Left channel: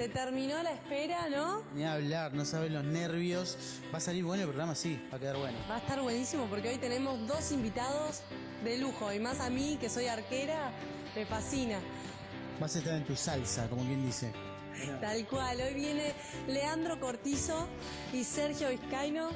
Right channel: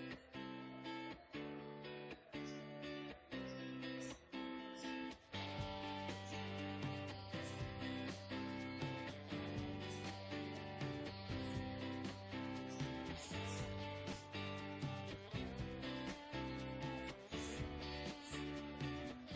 Se terminó la espera, ¿no? Ni hablar, no saben los nervios. Va a salir bueno el programa, sí, va a quedar bueno. Va a estar buenísimo porque hoy tenemos dos invitados de lujo. Y más a mí, que soy arquera, me fascina. Vas a estar en tu salsa, como bien dice. Tal cual, hoy viene Leandro Cortizo y Sergio Vizcaino.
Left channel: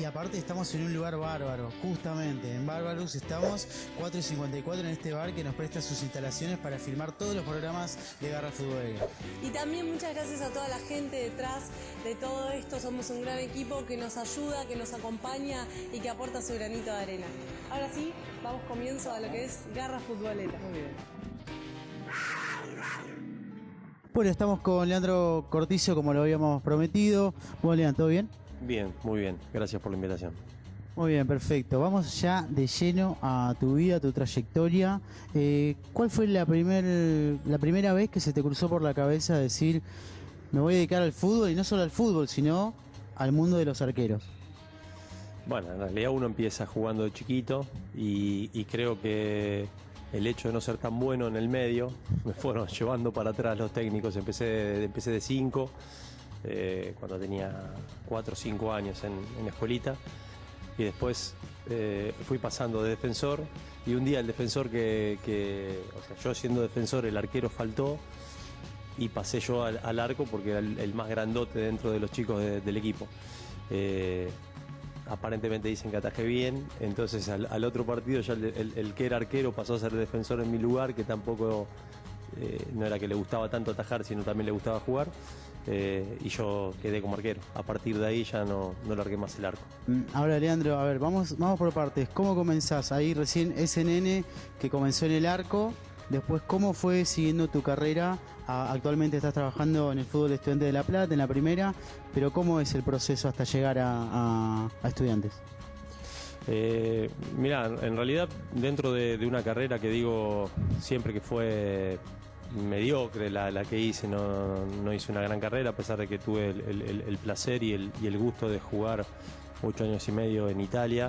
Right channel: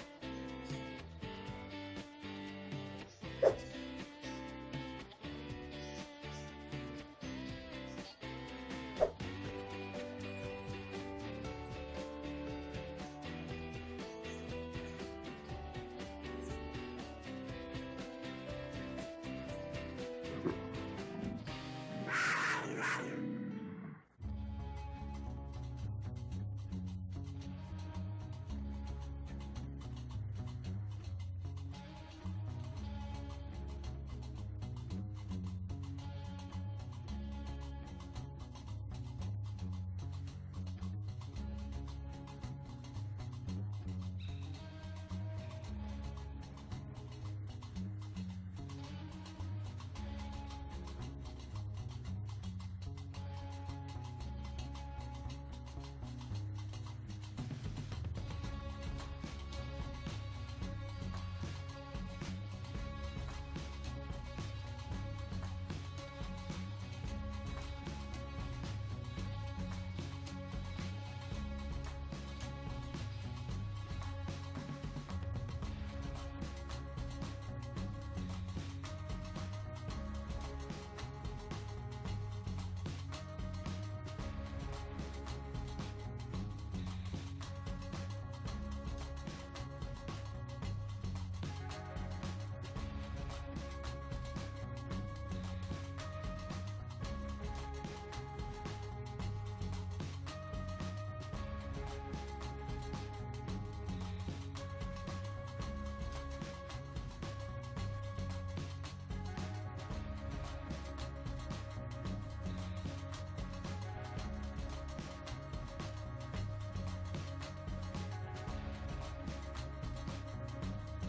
Y aparte estamos en un lugar bárbaro, justamente en Bárbaros estamos 4:54 en este bar que nos presta sus instalaciones para filmar todos los programas de Garra Futbolera. Y también muchas gracias a toda la gente detrás de todo esto. Somos un gran equipo que nos ayuda, que nos acompaña y que aporta su granito de arena. Ahora sí, damos comienzo a lo que es Garra Futbolera. Bueno, estamos con Leandro Cortizo como lo habíamos prometido. Bueno, Leandro, ¿todo bien? Bien, muy bien. Gracias por la invitación. Muy bien, perfecto. Vamos ya de lleno a tu vida, a tu trayectoria. ¿Cuál fue la primera vez que se te cruzó por la cabeza decir me voy a dedicar al fútbol y no solo al fútbol, sino al mundo de los arqueros? Bueno, en realidad uno empieza jugando de chiquito y creo que el hecho de no ser tan bueno en el medio me fueron llevando para atrás los técnicos. Empecé de 5, cuando tenía 4 o 5 años en la escuelita, y después fui pasando de defensor, y un día el defensor o sea, yo siendo defensor, el arquero faltó y pasé yo al arco porque era el más grandote dentro de los chicos del equipo. Aparentemente dicen que atajé bien, entonces al otro partido ya el que era arquero pasó a ser defensor en mi lugar, que tampoco no era que le gustaba tanto atajar, sino también le gustaba jugar, y yo quedé como arquero. A partir de ahí ya no largué más el arco. Ahora, Leandro, a ver, vamos por partes. ¿Cómo comenzás? Ahí recién ese nene que comenzó en el arco, después cómo fue siguiendo tu carrera. Actualmente estás trabajando en el fútbol Estudiantes de La Plata, en la primera, pero ¿cómo es el proceso hasta llegar a Estudiantes? Mirá, en realidad dentro de una carrera que digo siempre que fue mediocre la que hice, no hice una gran carrera, a pesar de que tuve el placer y el gusto de jugar 8 años y medio en Italia,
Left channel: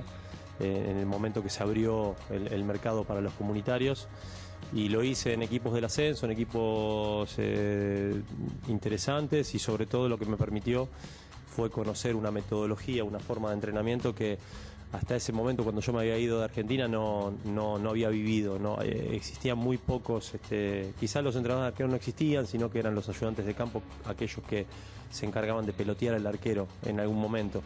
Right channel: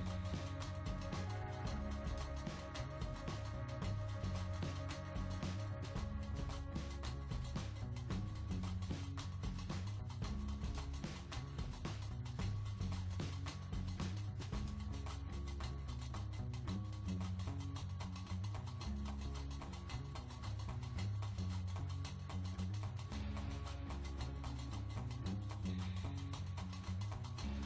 en el momento que se abrió el mercado para los comunitarios. Y lo hice en equipos del ascenso, en equipos interesantes, y sobre todo lo que me permitió fue conocer una metodología, una forma de entrenamiento que hasta ese momento, cuando yo me había ido de Argentina, no había vivido. Existían muy pocos, quizás los entrenadores de arquero no existían, sino que eran los ayudantes de campo, aquellos que se encargaban de pelotear al arquero en algún momento.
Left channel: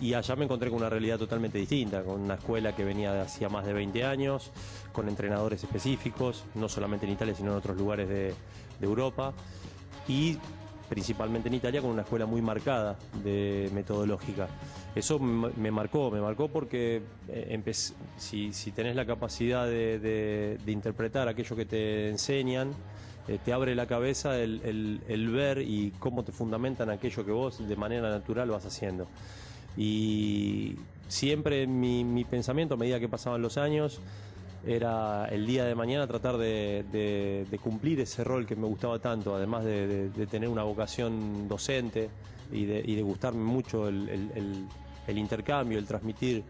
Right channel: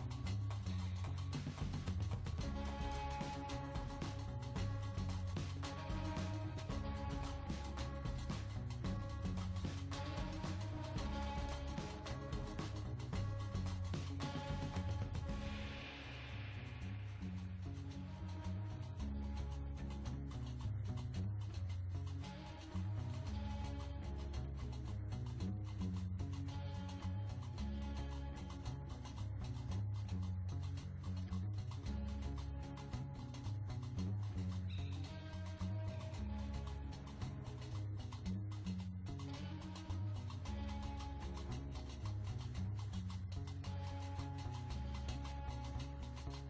Y allá me encontré con una realidad totalmente distinta, con una escuela que venía de hacía más de 20 años, con entrenadores específicos, no solamente en Italia, sino en otros lugares de Europa, y principalmente en Italia con una escuela muy marcada de metodológica. Eso me marcó porque si tenés la capacidad de interpretar aquello que te enseñan, te abre la cabeza el ver y cómo te fundamentan aquello que vos de manera natural vas haciendo. Y siempre mi pensamiento, a medida que pasaban los años, era el día de mañana tratar de cumplir ese rol que me gustaba tanto, además de tener una vocación docente y de gustarme mucho el intercambio, el transmitir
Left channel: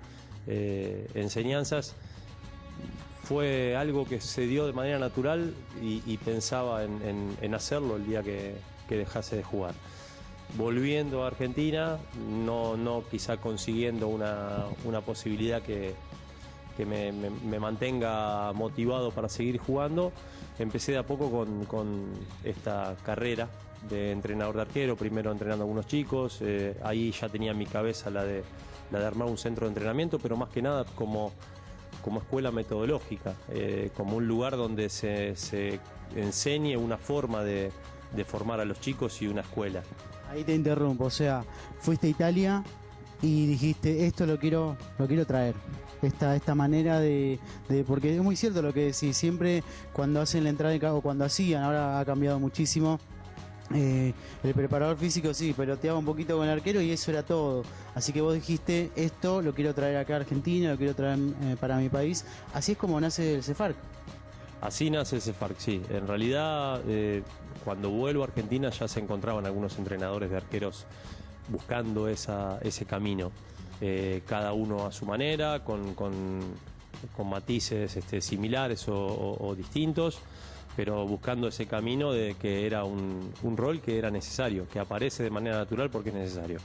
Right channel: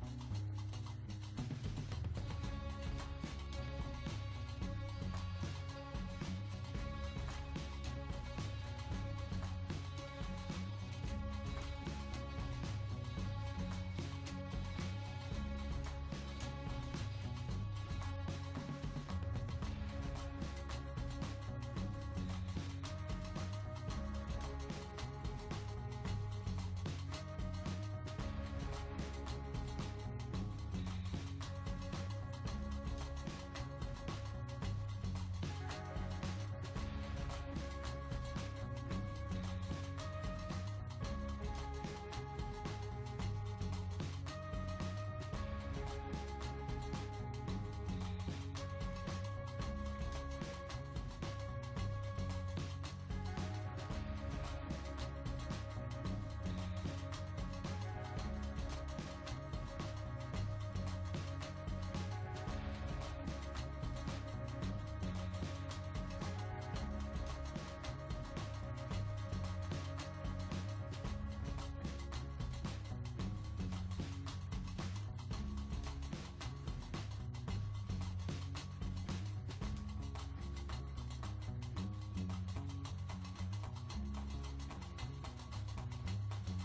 enseñanzas. Fue algo que se dio de manera natural y pensaba en hacerlo el día que dejase de jugar. Volviendo a Argentina, no quizá consiguiendo una posibilidad que me mantenga motivado para seguir jugando, empecé de a poco con esta carrera de entrenador de arquero, primero entrenando a algunos chicos. Ahí ya tenía en mi cabeza la de armar un centro de entrenamiento, pero más que nada como escuela metodológica, como un lugar donde se enseñe una forma de formar a los chicos y una escuela. Ahí te interrumpo, o sea, fuiste a Italia y dijiste, esto lo quiero traer. Esta manera porque es muy cierto lo que decís, siempre cuando hacen la entrada en campo, cuando hacían, ahora ha cambiado muchísimo, el preparador físico sí, peloteaba un poquito con el arquero y eso era todo. Así que vos dijiste, esto lo quiero traer acá a Argentina, lo quiero traer para mi país. Así es como nace el CEFARC. Así nace el CEFARC, sí. En realidad, cuando vuelvo a Argentina ya se encontraban algunos entrenadores de arqueros buscando ese camino. Cada uno a su manera, con matices similares o distintos, pero buscando ese camino de que era un rol que era necesario, que aparece de manera natural porque es necesario.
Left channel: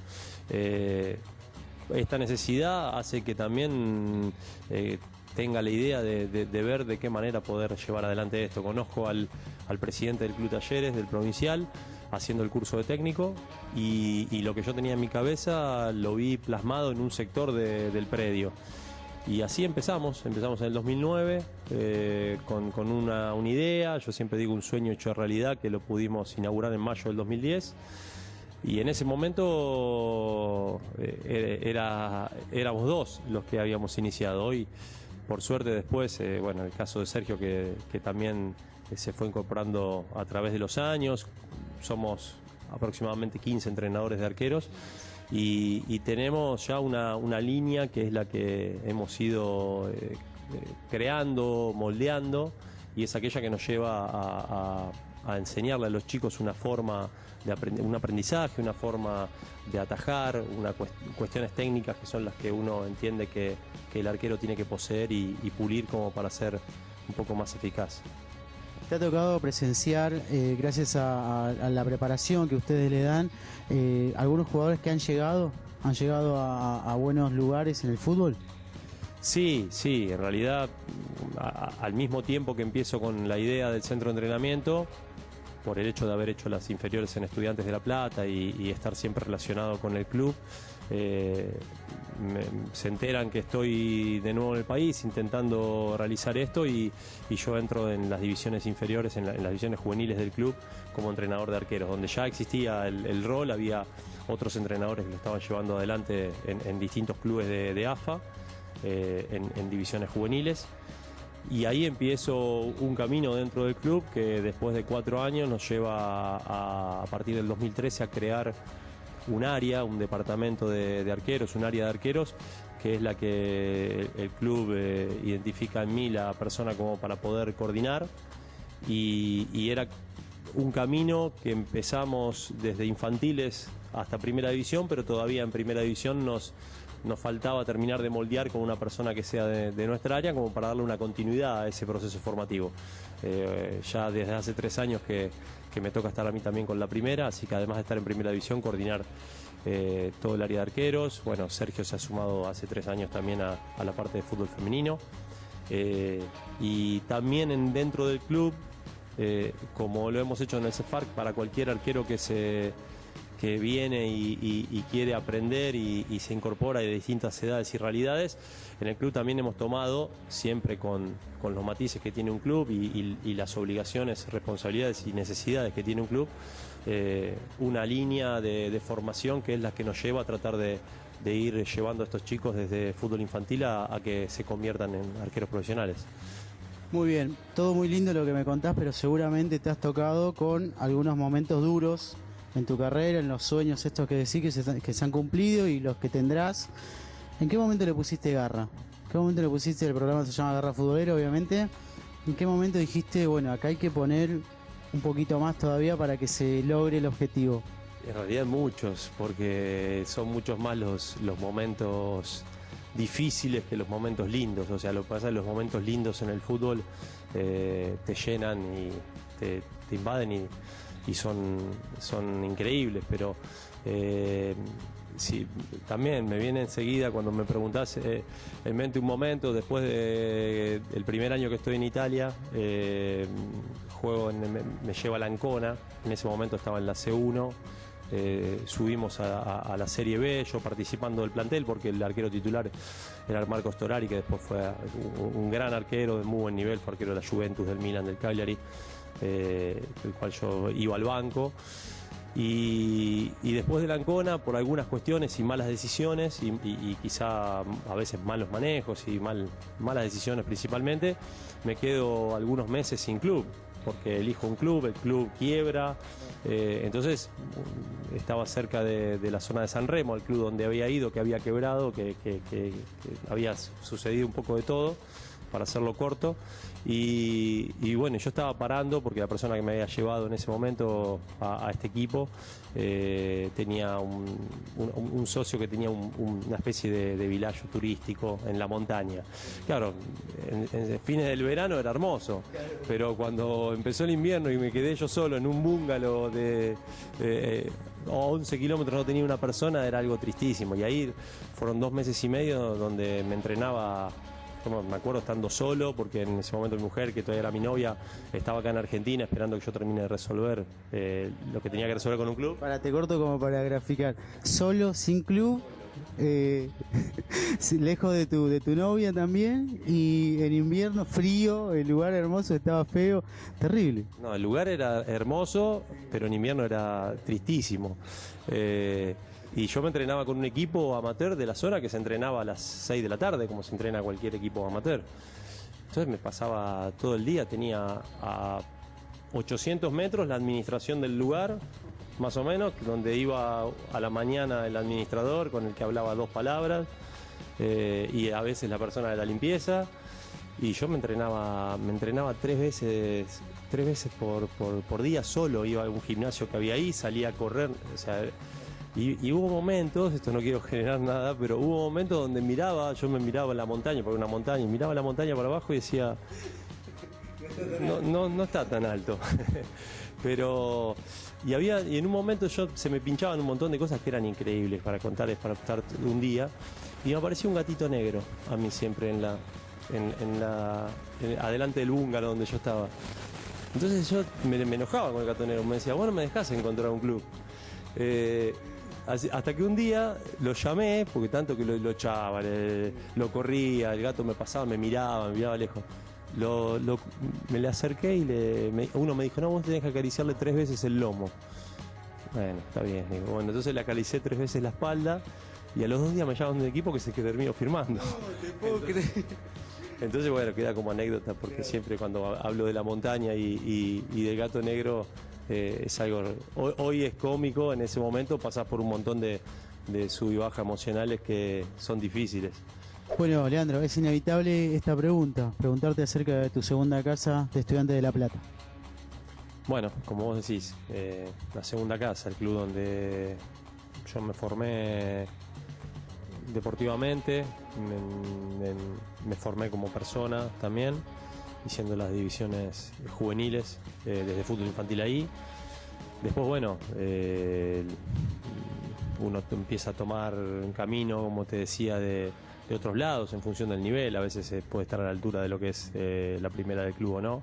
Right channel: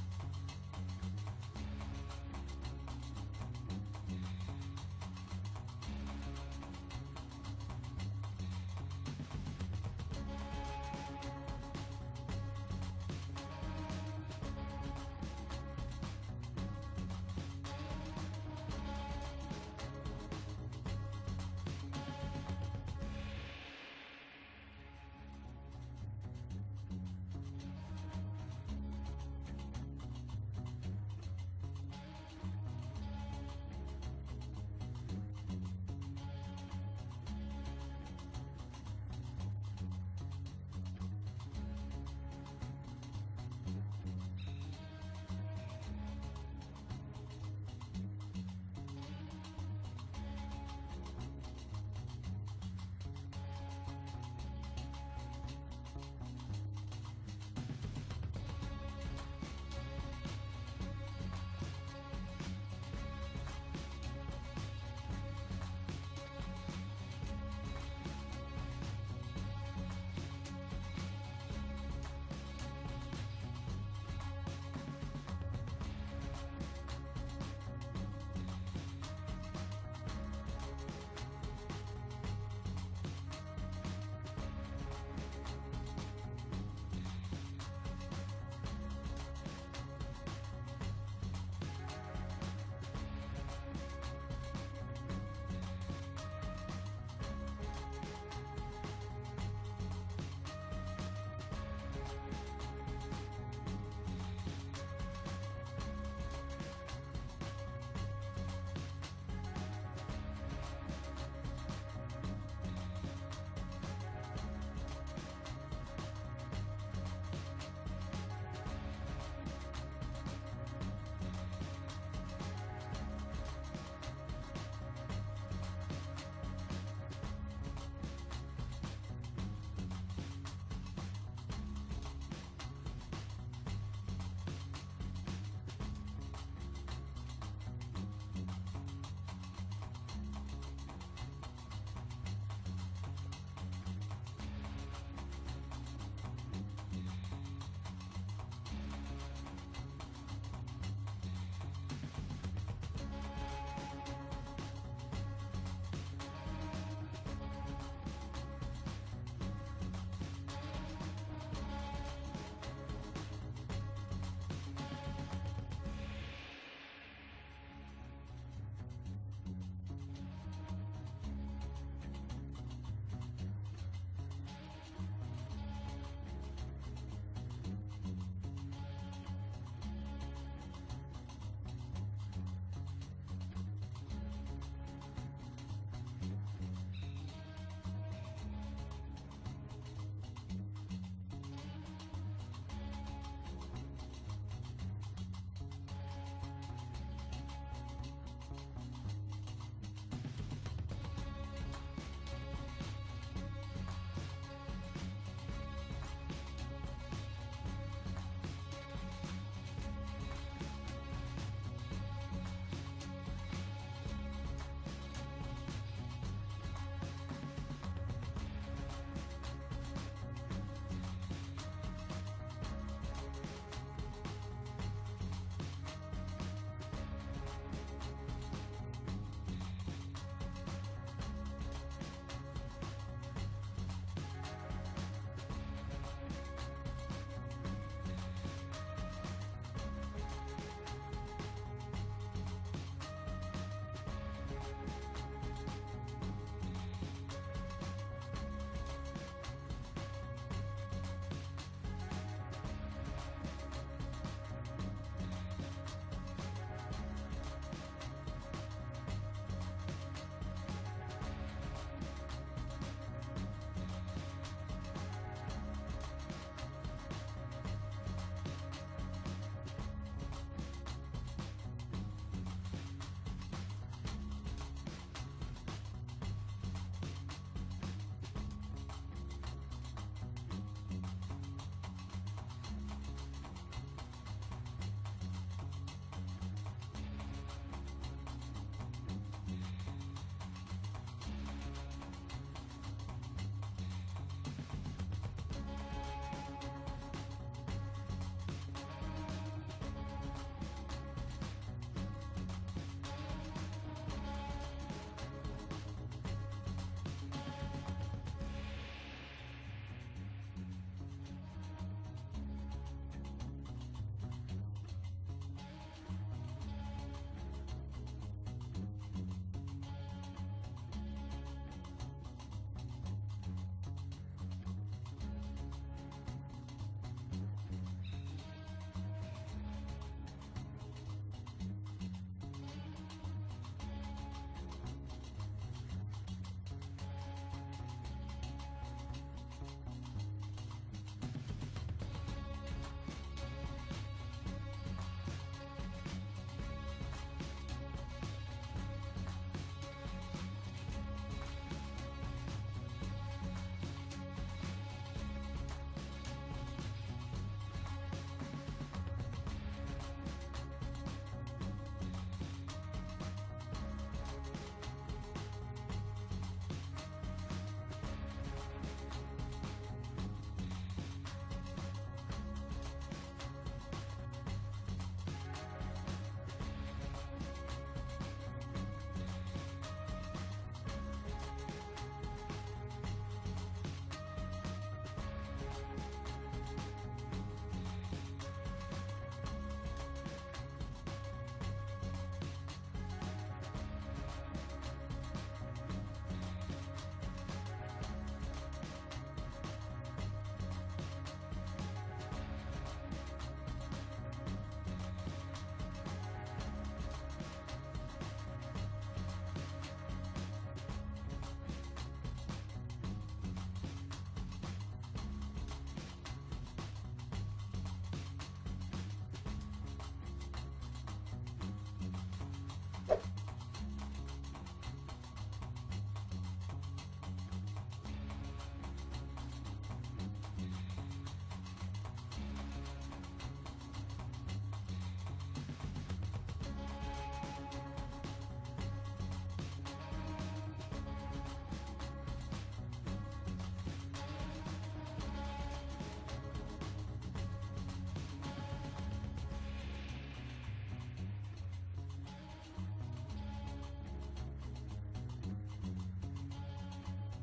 Esta necesidad hace que también tenga la idea de ver de qué manera poder llevar adelante esto. Conozco al presidente del Club Talleres, del provincial, haciendo el curso de técnico, y lo que yo tenía en mi cabeza lo vi plasmado en un sector del predio. Y así empezamos en el 2009 con una idea, yo siempre digo un sueño hecho realidad, que lo pudimos inaugurar en mayo del 2010. Y en ese momento éramos dos los que habíamos iniciado. Hoy, por suerte, después, bueno, el caso de Sergio, que también se fue incorporando a través de los años. Somos aproximadamente 15 entrenadores de arqueros y tenemos ya una línea que es la que hemos ido creando, moldeando, y es aquella que nos lleva a enseñarle a los chicos una forma un aprendizaje, una forma de atajar, cuestiones técnicas que son las que uno entiende que el arquero tiene que poseer y pulir como para ser un poco más eficaz. ¿Te ha tocado presenciar, gracias a la preparación que ustedes le dan, algunos jugadores que han llegado a buenos lugares en el fútbol? Sí, en realidad al mismo tiempo que empiezo con la idea del centro de entrenamiento, por el hecho de haber hecho las inferiores en Estudiantes de La Plata y estar siempre relacionado con el club, se enteran que estoy de nuevo en el país intentando realizar esto, y yo entro en las divisiones inferiores, en las divisiones juveniles del club como entrenador de arqueros, donde ya existía el rol, había otros entrenadores que lo estaban llevando adelante en distintos clubes de AFA, en divisiones juveniles. Y ahí empiezo un camino dentro del club que después de 4 años nos lleva a partir del 2013 a crear un área, un departamento de arqueros, un área de arqueros, que es la que el club identifica en mí la persona como para poder coordinar, y era un camino que empezamos desde infantiles hasta primera división, pero todavía en primera división nos faltaba terminar de moldear con una persona que sea de nuestra área, como para darle una continuidad a ese proceso formativo. Ya desde hace 3 años que me toca estar a mí también con la primera, así que además de estar en primera división, coordinar todo el área de arqueros. Bueno, Sergio se ha sumado hace 3 años también a la parte de fútbol femenino. Y también dentro del club, como lo hemos hecho en el CEFARC, para cualquier arquero que viene y quiere aprender y se incorpora de distintas edades y realidades, en el club también hemos tomado, siempre con los matices que tiene un club y las obligaciones, responsabilidades y necesidades que tiene un club, una línea de formación que es la que nos lleva a tratar de ir llevando a estos chicos desde fútbol infantil a que se conviertan en arqueros profesionales. Muy bien, todo muy lindo lo que me contás, pero seguramente te has tocado con algunos momentos duros en tu carrera, en los sueños estos que decís que se han cumplido y los que tendrás. ¿En qué momento le pusiste garra? ¿En qué momento le pusiste? El programa se llama Garra Futbolera, obviamente. ¿En qué momento dijiste, bueno, acá hay que poner un poquito más todavía para que se logre el objetivo? En realidad muchos, porque son muchos más los momentos difíciles que los momentos lindos. O sea, lo que pasa es que los momentos lindos en el fútbol te llenan y te invaden y son increíbles, pero sí, también me viene enseguida cuando me preguntás en mente un momento después del primer año que estoy en Italia. Me lleva a la Ancona, en ese momento estaba en la C1, subimos a la Serie B, yo participando del plantel porque el arquero titular era el Marcos Torari, que después fue un gran arquero de muy buen nivel, fue arquero de la Juventus, del Milan, del Cagliari, el cual yo iba al banco. Y después de la Ancona, por algunas cuestiones y malas decisiones y quizá a veces malos manejos y malas decisiones principalmente, me quedo algunos meses sin club, porque elijo un club, el club quiebra, entonces estaba cerca de la zona de San Remo, el club donde había ido, que había quebrado, que había sucedido un poco de todo, para hacerlo corto, Y bueno, yo estaba parando porque la persona que me había llevado en ese momento a este equipo tenía un socio que tenía una especie de villaggio turístico en la montaña. Claro, en fines del verano era hermoso, pero cuando empezó el invierno y me quedé yo solo en un bungalow de 11 kilómetros, no tenía una persona, era algo tristísimo. Y ahí fueron 2 meses y medio donde me entrenaba. Me acuerdo estando solo, porque en ese momento mi mujer, que todavía era mi novia, estaba acá en Argentina esperando que yo termine de resolver lo que tenía que resolver con un club. Te corto como para graficar. Solo, sin club, lejos de tu novia también, y en invierno frío, el lugar hermoso, estaba feo, terrible. No, el lugar era hermoso, pero en invierno era tristísimo. Y yo me entrenaba con un equipo amateur de la zona que se entrenaba a las 6 de la tarde, como se entrena cualquier equipo amateur. Entonces me pasaba todo el día, tenía a 800 metros la administración del lugar, más o menos, donde iba a la mañana el administrador con el que hablaba 2 palabras, y a veces la persona de la limpieza. Y yo me entrenaba 3 veces por día solo. Iba a algún gimnasio que había ahí, salía a correr, o sea. Y hubo momentos, esto no quiero generar nada, pero hubo momentos donde yo me miraba en la montaña, por una montaña, y miraba la montaña para abajo y decía, no está tan alto. Pero, y en un momento se me pinchaban un montón de cosas que eran increíbles para contarles, para estar un día, y me apareció un gatito negro a mí siempre adelante del búngalo donde yo estaba. Entonces yo me enojaba con el gato negro, me decía, bueno, me dejás encontrar un club. Hasta que un día lo llamé, porque tanto que lo echaba, lo corría, el gato me pasaba, me miraba lejos. Me le acerqué y uno me dijo, no, vos tenés que acariciarle 3 veces el lomo. Bueno, está bien. Digo, bueno, entonces le acaricié 3 veces la espalda y a los 2 días me llaman de un equipo que se terminó firmando. Entonces, bueno, queda como anécdota, porque siempre cuando hablo de la montaña y del gato negro, es algo, hoy es cómico, en ese momento pasás por un montón de sub y bajas emocionales que son difíciles. Bueno, Leandro, es inevitable esta preguntarte acerca de tu segunda casa de Estudiantes de La Plata. Bueno, como vos decís, la segunda casa, el club donde yo me formé deportivamente, me formé como persona también, haciendo las divisiones juveniles, desde fútbol infantil ahí. Después, bueno, uno empieza a tomar un camino, como te decía, de otros lados en función del nivel. A veces puede estar a la altura de lo que es la primera del club o no.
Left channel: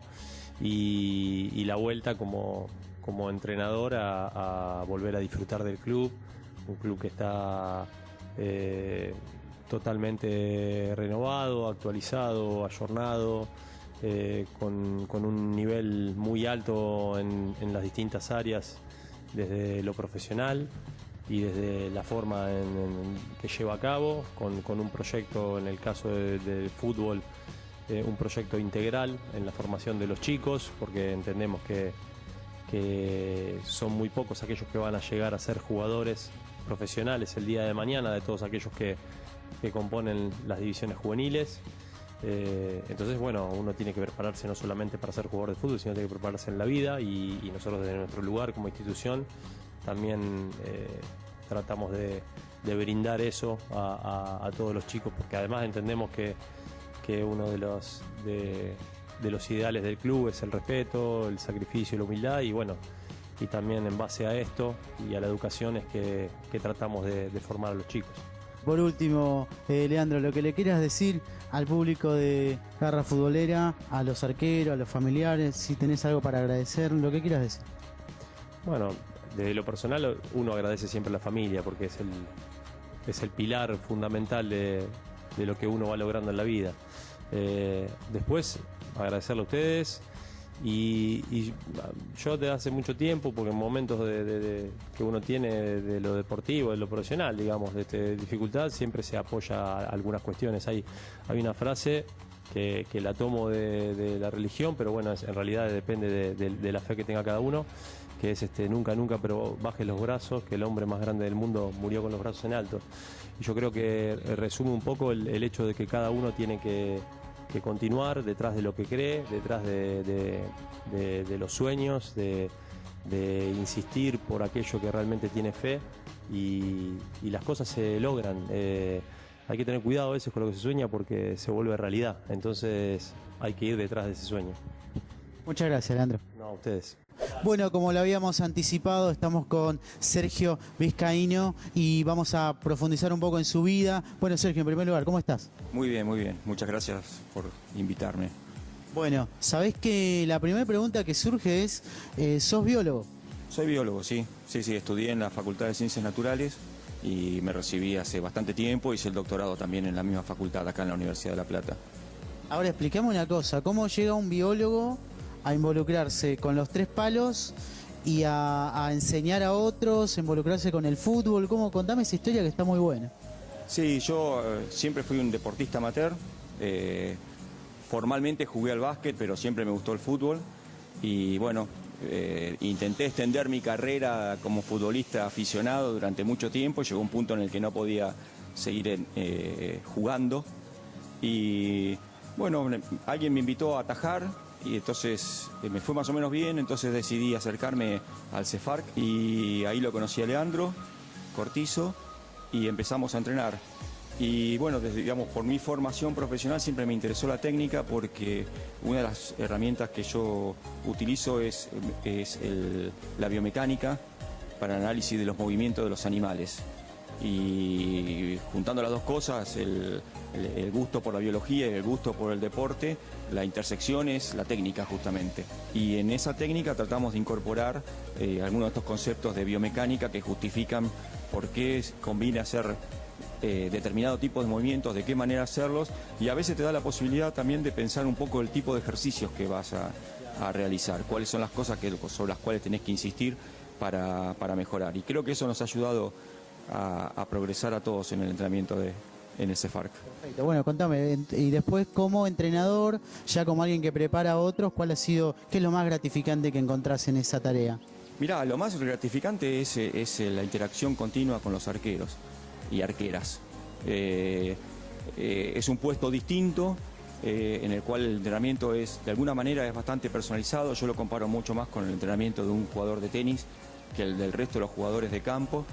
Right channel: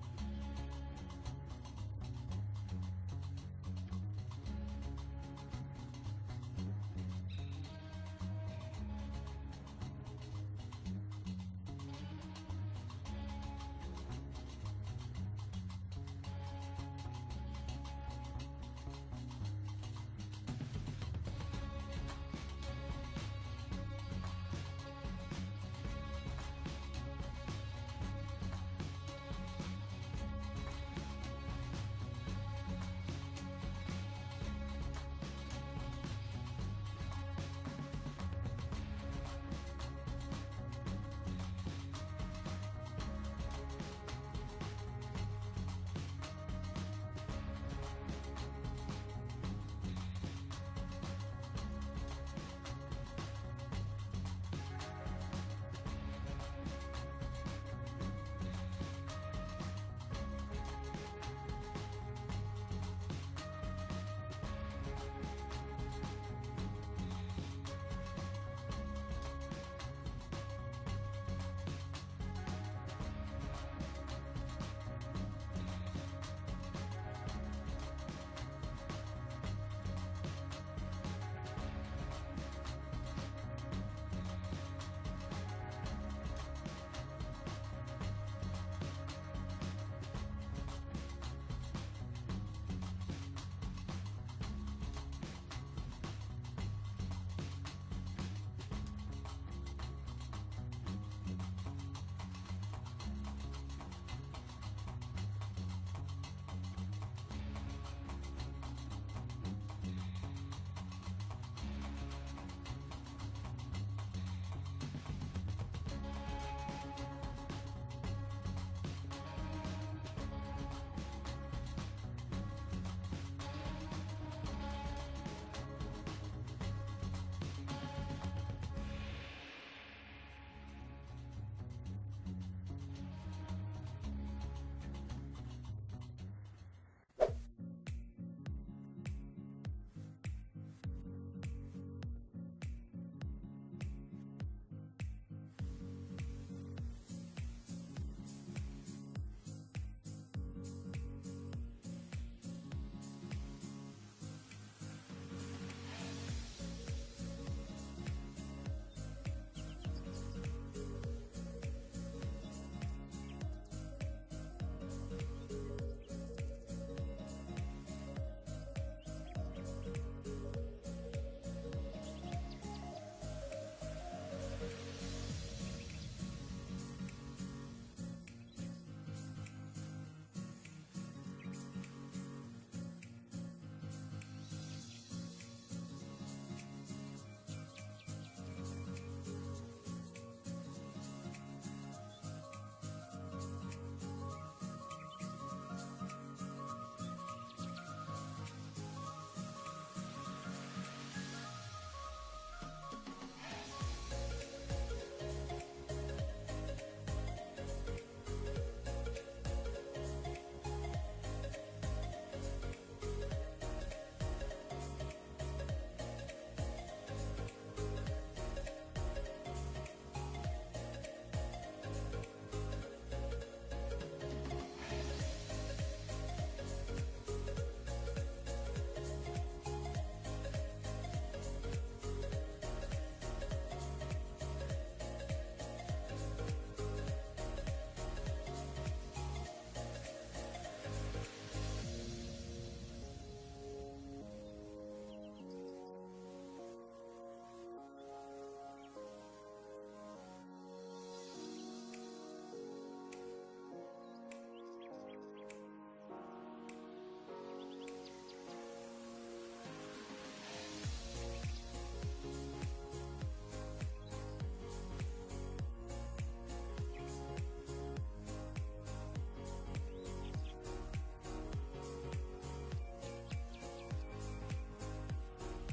Y la vuelta como entrenador a volver a disfrutar del club, un club que está totalmente renovado, actualizado, ayornado, con un nivel muy alto en las distintas áreas, desde lo profesional y desde la forma que lleva a cabo, con un proyecto, en el caso del fútbol, un proyecto integral en la formación de los chicos, porque entendemos que son muy pocos aquellos que van a llegar a ser jugadores profesionales el día de mañana, de todos aquellos que componen las divisiones juveniles. Entonces, bueno, uno tiene que prepararse no solamente para ser jugador de fútbol, sino tiene que prepararse en la vida, y nosotros desde nuestro lugar como institución también tratamos de brindar eso a todos los chicos, porque además entendemos que uno de los ideales del club es el respeto, el sacrificio y la humildad, y bueno, y también en base a esto y a la educación es que tratamos de formar a los chicos. Por último, Leandro, lo que le quieras decir al público de Garra Futbolera, a los arqueros, a los familiares, si tenés algo para agradecer, lo que quieras decir. Bueno, desde lo personal uno agradece siempre a la familia, porque es el pilar fundamental de lo que uno va logrando en la vida. Después, agradecerle a ustedes, y yo desde hace mucho tiempo, porque en momentos que uno tiene de lo deportivo, de lo profesional, digamos, de dificultad, siempre se apoya a algunas cuestiones. Hay una frase que la tomo de la religión, pero bueno, en realidad depende de la fe que tenga cada uno, que es nunca, pero baje los brazos, que el hombre más grande del mundo murió con los brazos en alto. Y yo creo que resume un poco el hecho de que cada uno tiene que continuar detrás de lo que cree, detrás de los sueños, de insistir por aquello que realmente tiene fe y las cosas se logran. Hay que tener cuidado a veces con lo que se sueña porque se vuelve realidad, entonces hay que ir detrás de ese sueño. Muchas gracias, Leandro. No, a ustedes. Bueno, como lo habíamos anticipado, estamos con Sergio Vizcaíno y vamos a profundizar un poco en su vida. Bueno, Sergio, en primer lugar, ¿cómo estás? Muy bien, muy bien. Muchas gracias por invitarme. Bueno, sabés que la primera pregunta que surge es, ¿sos biólogo? Soy biólogo, sí. Sí, estudié en la Facultad de Ciencias Naturales y me recibí hace bastante tiempo. Hice el doctorado también en la misma facultad acá en la Universidad de La Plata. Ahora explícame una cosa, ¿cómo llega un biólogo a involucrarse con los tres palos y a enseñar a otros, a involucrarse con el fútbol? Contame esa historia que está muy buena. Sí, yo siempre fui un deportista amateur. Formalmente jugué al básquet, pero siempre me gustó el fútbol. Y bueno, intenté extender mi carrera como futbolista aficionado durante mucho tiempo. Llegó un punto en el que no podía seguir jugando. Y bueno, alguien me invitó a atajar y entonces me fue más o menos bien. Entonces decidí acercarme al CEFARC y ahí lo conocí a Leandro Cortizo y empezamos a entrenar. Y bueno, digamos, por mi formación profesional siempre me interesó la técnica porque una de las herramientas que yo utilizo es la biomecánica para el análisis de los movimientos de los animales. Y juntando las dos cosas, el gusto por la biología y el gusto por el deporte, la intersección es la técnica justamente. Y en esa técnica tratamos de incorporar algunos de estos conceptos de biomecánica que justifican por qué conviene hacer determinado tipo de movimientos, de qué manera hacerlos, y a veces te da la posibilidad también de pensar un poco el tipo de ejercicios que vas a realizar, cuáles son las cosas sobre las cuales tenés que insistir para mejorar. Y creo que eso nos ha ayudado a progresar a todos en el entrenamiento en el CEFARC. Perfecto. Bueno, contame, y después como entrenador, ya como alguien que prepara a otros, ¿qué es lo más gratificante que encontrás en esa tarea? Mirá, lo más gratificante es la interacción continua con los arqueros y arqueras. Es un puesto distinto en el cual el entrenamiento de alguna manera es bastante personalizado. Yo lo comparo mucho más con el entrenamiento de un jugador de tenis que el del resto de los jugadores de campo.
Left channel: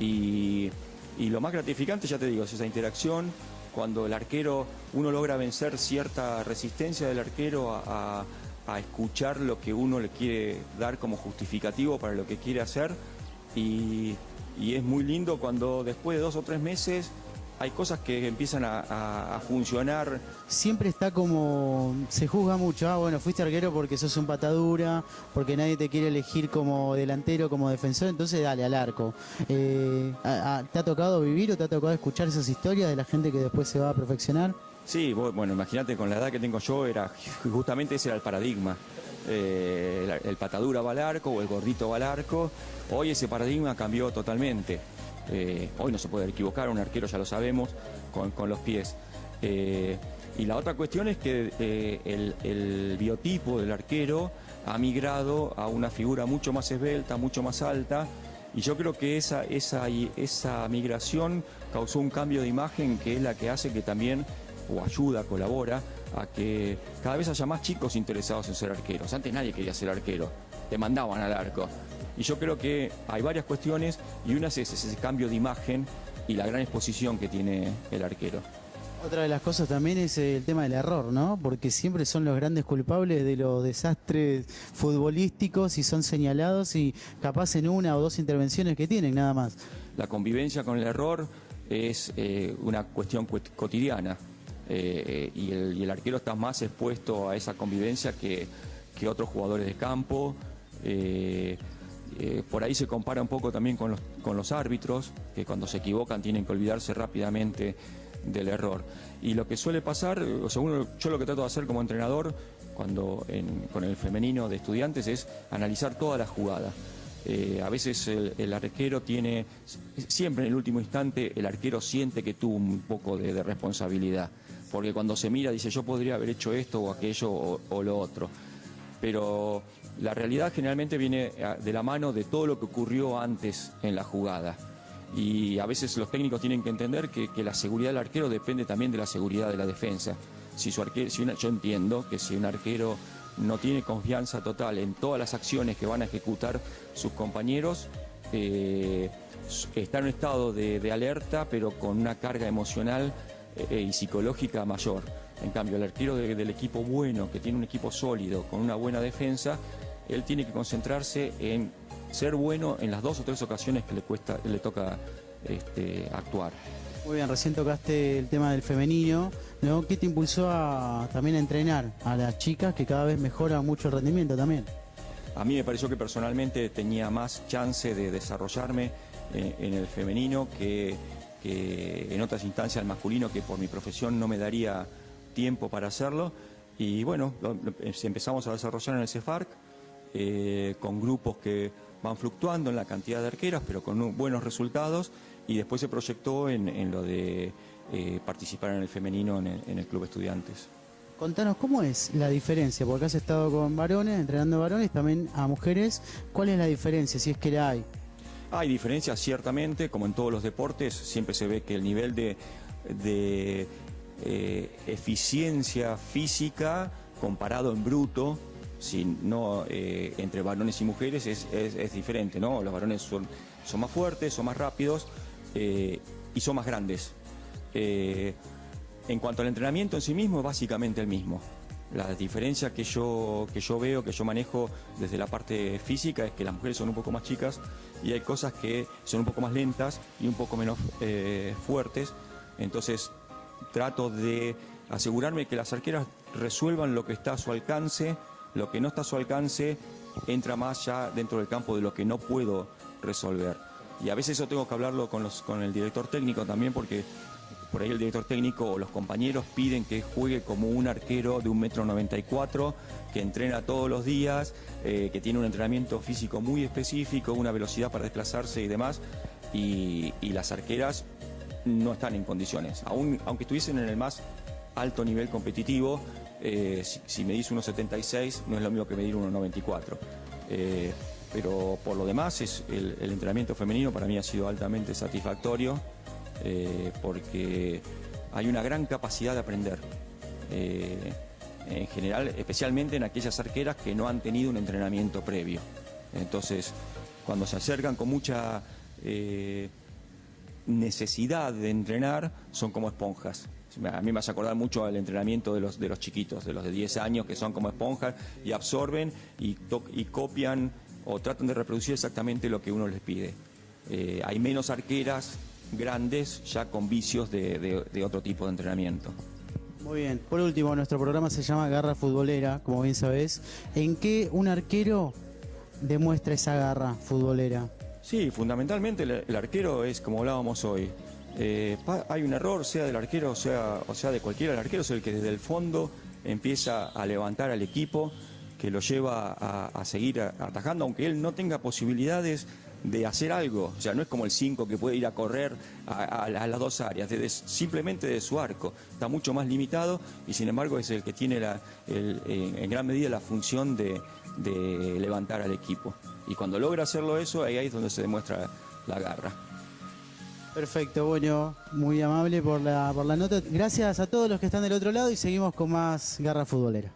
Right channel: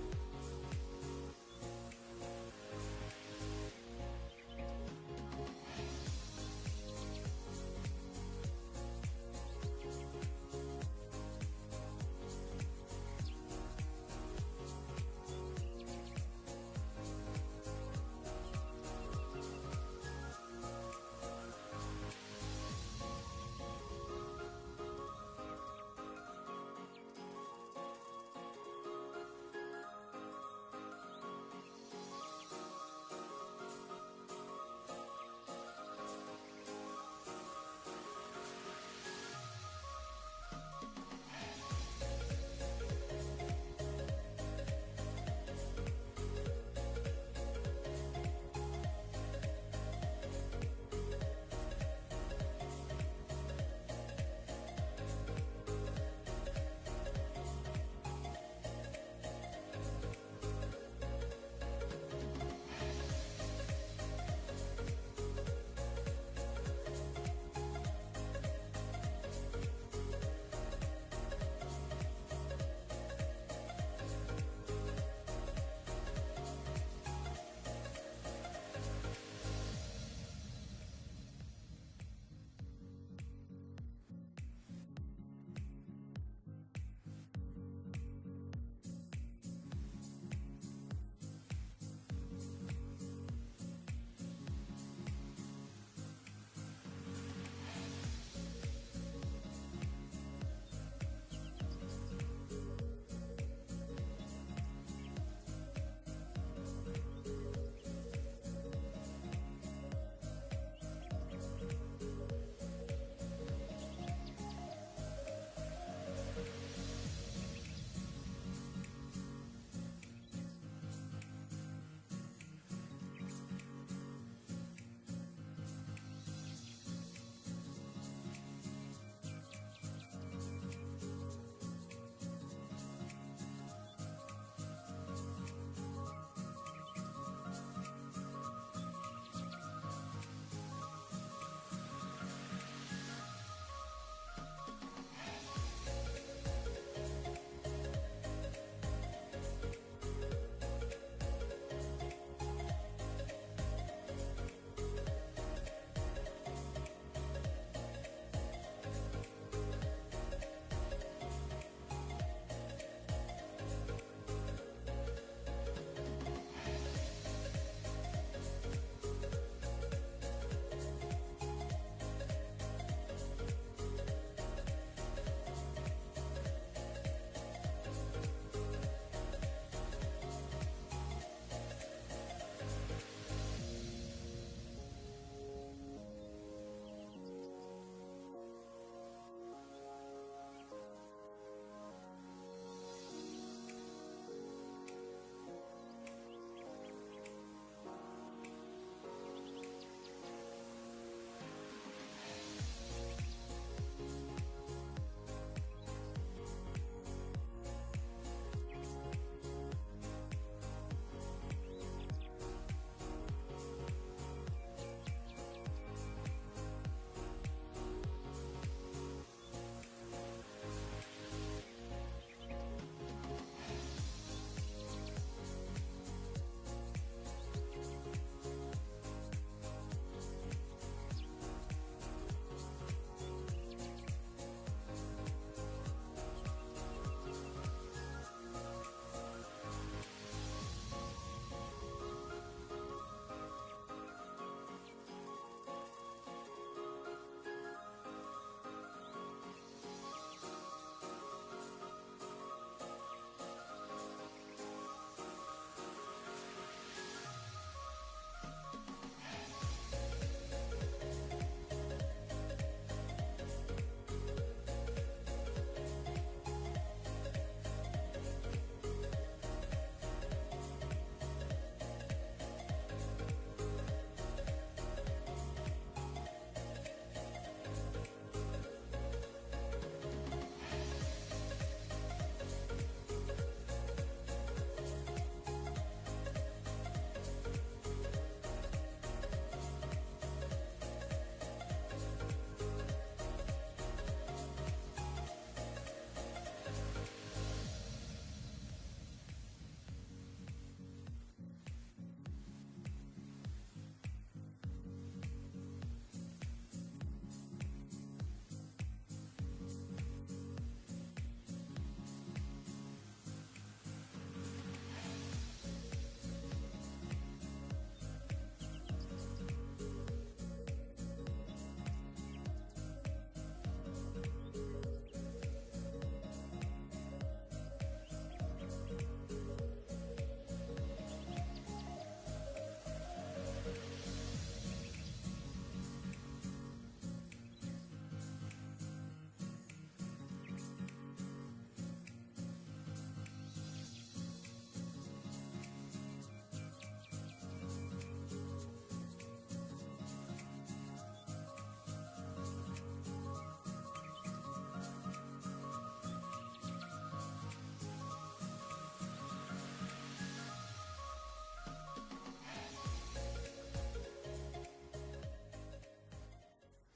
Y lo más gratificante, ya te digo, es esa interacción, cuando el arquero, uno logra vencer cierta resistencia del arquero a escuchar lo que uno le quiere dar como justificativo para lo que quiere hacer. Y es muy lindo cuando después de 2 o 3 meses hay cosas que empiezan a funcionar. Siempre está como, se juzga mucho, bueno, fuiste arquero porque sos un patadura, porque nadie te quiere elegir como delantero, como defensor, entonces dale al arco. ¿Te ha tocado vivir o te ha tocado escuchar esas historias de la gente que después se va a perfeccionar? Sí, bueno, imagínate, con la edad que tengo yo, justamente ese era el paradigma. El patadura va al arco o el gordito va al arco. Hoy ese paradigma cambió totalmente. Hoy no se puede equivocar, un arquero ya lo sabemos, con los pies. Y la otra cuestión es que el biotipo del arquero ha migrado a una figura mucho más esbelta, mucho más alta, y yo creo que esa migración causó un cambio de imagen que es la que hace que también, o ayuda, colabora, a que cada vez haya más chicos interesados en ser arqueros. Antes nadie quería ser arquero, te mandaban al arco. Y yo creo que hay varias cuestiones y una es ese cambio de imagen y la gran exposición que tiene el arquero. Otra de las cosas también es el tema del error, ¿no? Porque siempre son los grandes culpables de los desastres futbolísticos y son señalados y capaz en 1 o 2 intervenciones que tienen, nada más. La convivencia con el error es una cuestión cotidiana y el arquero está más expuesto a esa convivencia que otros jugadores de campo. Por ahí se compara un poco también con los árbitros, que cuando se equivocan tienen que olvidarse rápidamente del error. Y lo que suele pasar, yo lo que trato de hacer como entrenador con el femenino de estudiantes es analizar toda la jugada. A veces el arquero siempre en el último instante el arquero siente que tuvo un poco de responsabilidad, porque cuando se mira dice yo podría haber hecho esto o aquello o lo otro. Pero la realidad generalmente viene de la mano de todo lo que ocurrió antes en la jugada. Y a veces los técnicos tienen que entender que la seguridad del arquero depende también de la seguridad de la defensa. yo entiendo que si un arquero no tiene confianza total en todas las acciones que van a ejecutar sus compañeros, está en un estado de alerta, pero con una carga emocional y psicológica mayor. En cambio, el arquero del equipo bueno, que tiene un equipo sólido, con una buena defensa, él tiene que concentrarse en ser bueno en las 2 o 3 ocasiones que le toca actuar. Muy bien, recién tocaste el tema del femenino, ¿no? ¿Qué te impulsó también a entrenar a las chicas, que cada vez mejora mucho el rendimiento también? A mí me pareció que personalmente tenía más chance de desarrollarme en el femenino que en otras instancias el masculino, que por mi profesión no me daría tiempo para hacerlo. Y bueno, empezamos a desarrollar en el CEFARC con grupos que van fluctuando en la cantidad de arqueras, pero con buenos resultados, y después se proyectó en lo de participar en el femenino en el Club Estudiantes. Contanos, ¿cómo es la diferencia? Porque has estado con varones, entrenando varones, también a mujeres. ¿Cuál es la diferencia, si es que la hay? Hay diferencias, ciertamente, como en todos los deportes. Siempre se ve que el nivel de eficiencia física comparado en bruto, entre varones y mujeres, es diferente, ¿no? Los varones son más fuertes, son más rápidos y son más grandes. En cuanto al entrenamiento en sí mismo, es básicamente el mismo. La diferencia que yo veo, que yo manejo desde la parte física, es que las mujeres son un poco más chicas y hay cosas que son un poco más lentas y un poco menos fuertes. Entonces trato de asegurarme que las arqueras resuelvan lo que está a su alcance. Lo que no está a su alcance entra más ya dentro del campo de lo que no puedo resolver. Y a veces eso tengo que hablarlo con el director técnico también, porque por ahí el director técnico o los compañeros piden que juegue como un arquero de 1,94 m, que entrena todos los días, que tiene un entrenamiento físico muy específico, una velocidad para desplazarse y demás, y las arqueras no están en condiciones. Aunque estuviesen en el más alto nivel competitivo, si medís 1,76 no es lo mismo que medir 1,94. Pero por lo demás, el entrenamiento femenino para mí ha sido altamente satisfactorio, porque hay una gran capacidad de aprender, en general, especialmente en aquellas arqueras que no han tenido un entrenamiento previo. Entonces, cuando se acercan con mucha necesidad de entrenar, son como esponjas. A mí me hace acordar mucho al entrenamiento de los chiquitos, de los de 10 años, que son como esponjas y absorben y copian o tratan de reproducir exactamente lo que uno les pide. Hay menos arqueras grandes ya con vicios de otro tipo de entrenamiento. Muy bien. Por último, nuestro programa se llama Garra Futbolera, como bien sabés. ¿En qué un arquero demuestra esa garra futbolera? Sí, fundamentalmente el arquero es como hablábamos hoy. Hay un error, sea del arquero o sea de cualquiera. El arquero es el que desde el fondo empieza a levantar al equipo, que lo lleva a seguir atajando, aunque él no tenga posibilidades de hacer algo. O sea, no es como el 5 que puede ir a correr a las 2 áreas, simplemente de su arco. Está mucho más limitado y sin embargo es el que tiene en gran medida la función de levantar al equipo. Y cuando logra hacerlo eso, ahí es donde se demuestra la garra. Perfecto, bueno, muy amable por la nota. Gracias a todos los que están del otro lado y seguimos con más Garra Futbolera.